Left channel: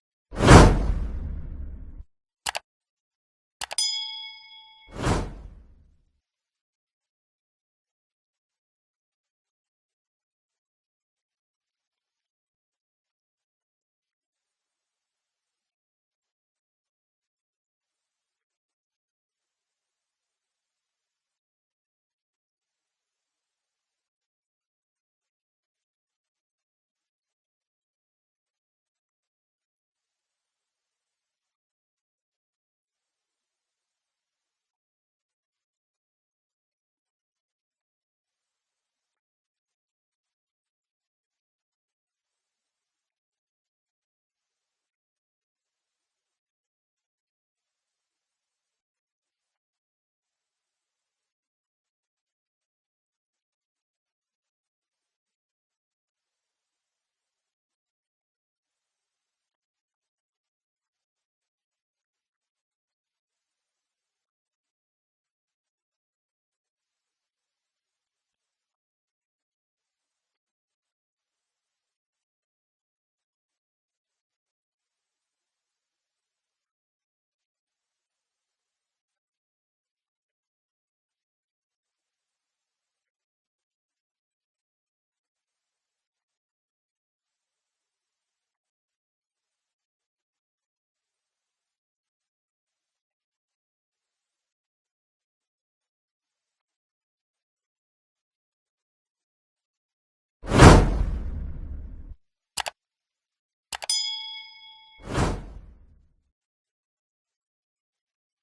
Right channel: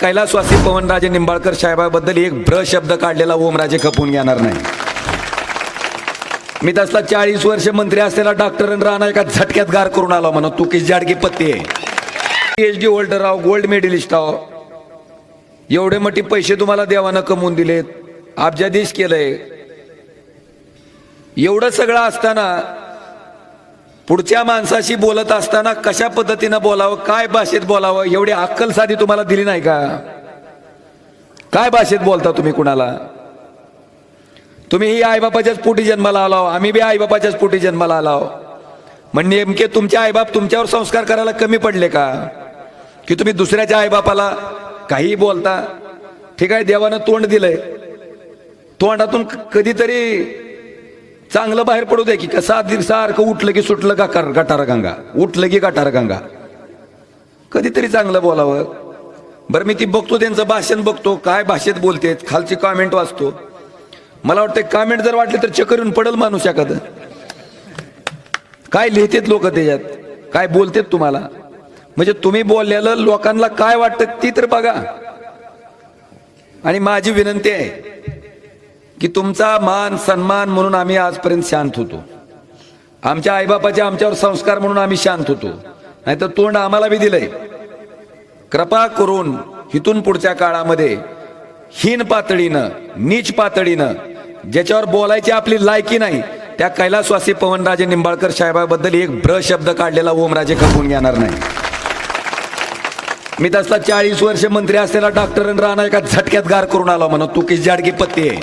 कैलासवासी पवनराजे निंबाळकर साहेबाबद्दल एक भ्र शब्द काढलेला ओमराजे खपून घेणार नाही। मी तसला 40 वर्ष मंत्री असलेला डॉक्टर राणा एका झटक्यात गार करून आला म्हणून तू किस जाडकी पत्ती आहे, PhD होल्डर आहो, गोल्ड मेडलिस्ट आहो, एवढे मोठे पैसे तुम्हाला देवानं कमवून दिलेत, अब्जाधीश केलंय, एवढं सगळं असताना पुढच्या माणसाशी बोलत असताना कशा पद्धतीनं बोलावं, काय भाषेत बोलावं, एवढी अक्कल साधी तुम्हाला दिली नाही का? काय भाषेत बोलता तुम्ही कुणाला? तुम्ही ही आईबापाच्याच पोटी जन्माला आलाव, आम्ही बी आईबापाच्याच पोटी जन्माला आलाव, मग नेमके तुमचे आईबाप तुमच्यावर संस्कार करायला कमी पडले का की तुम्ही दुसऱ्याच्या आईबापाला काही बोलता? ठीक आहे, देवानं तोंड दिलंय, तोंडातून कधीतरी चांगलं बाहेर पडू दे की कसा सारखं उठलं की सुटलं का गटार गंगा, उठलं की गटार गंगा, कधीतरी चांगलं बोलावं। बरं, मी ती बघतो, त्यांचं भाषण बघतो, काय भाषेत बोलते, खालची कॉमेंट वाचतो, मला वाटतं कॉमेंट जर वाटले तर चक्कर येऊन पडल माणूस एखादं। काय लिहितेत लोक त्याच्यात, काय बोलतेत तुम्हाला, म्हणजे तुम्ही बोललेलं लोकांना काय वाटतं ती तर बघा। आणि माझी विनंती आहे की तुमचा मान सन्मान म्हणून आम्ही आजपर्यंत शांत होतो, आमच्या आईबापाचे आमच्यावर संस्कार म्हणून आम्ही शांत होतो, नाहीतर तोंड आम्हाला बी दिलंय। कृपा करून इथून पुढच्या काळामध्ये हीन पातळीनं, नीच पातळीनं, ज्याच्यावर बोलायची आपली लायकी नाही, त्या कैलासवासी पवनराजे निंबाळकर साहेबाबद्दल एक भ्र शब्द काढलेला ओमराजे खपून घेणार नाही। मी तसला 40 वर्ष मंत्री असलेला डॉक्टर राणा एका झटक्यात गार करून आला म्हणून तू किस जाडकी पत्ती आहे।